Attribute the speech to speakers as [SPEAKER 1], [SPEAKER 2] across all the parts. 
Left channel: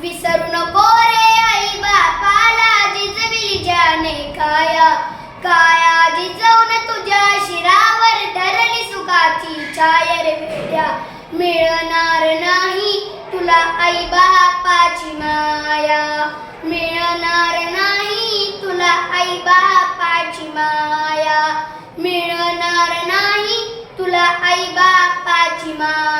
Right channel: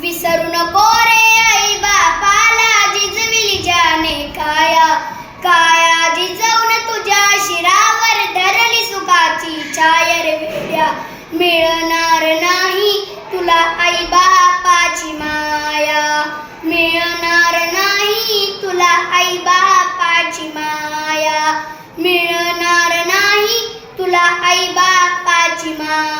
[SPEAKER 1] विसरू नको रे आई बापाला जिजविली जाने काया. काया जिजवून तुझ्या शिरावर धरली सुखाची छायर वेड्या. मिळणार नाही तुला आई बापाची माया. मिळणार नाही तुला आई बापाची माया. मिळणार नाही तुला आई बापाची माया.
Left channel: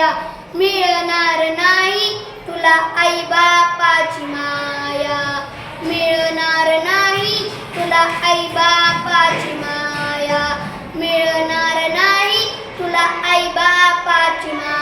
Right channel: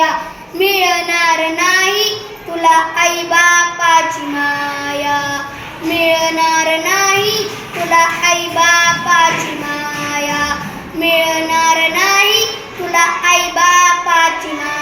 [SPEAKER 1] छायर मिळणार नाही. तुला आई बापाची माया मिळणार नाही. तुला आई बापाची माया मिळणार नाही. तुला आई बापाची माया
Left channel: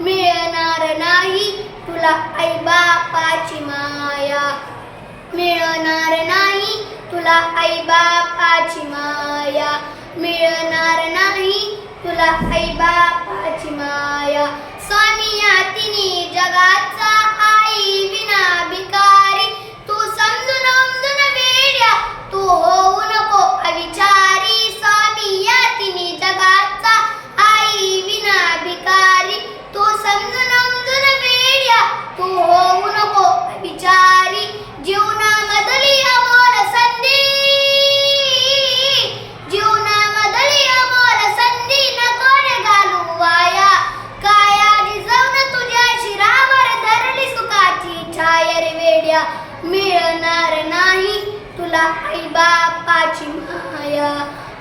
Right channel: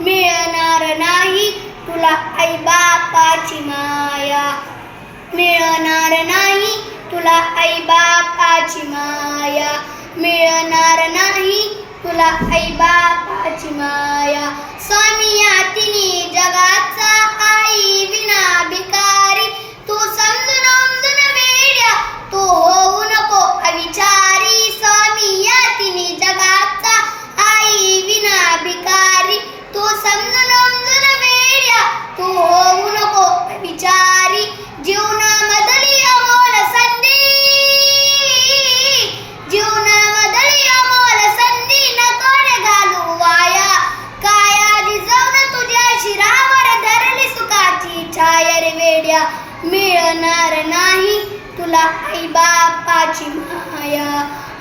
[SPEAKER 1] मिळणार नाही. तुला आई बापाची माया. मिळणार नाही. तुला आई बापाची माया. मिळणार नाही. तुला आई बापाची माया. स्वामी माया मिळणार नाही. तुला आई बापाची माया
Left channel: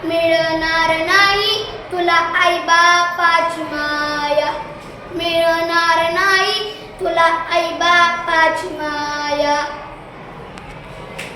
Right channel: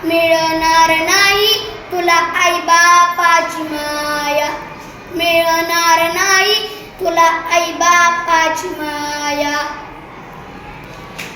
[SPEAKER 1] मिळणार नाही. तुला आई बापाची माया मिळणार नाही. तुला आई बापाची माया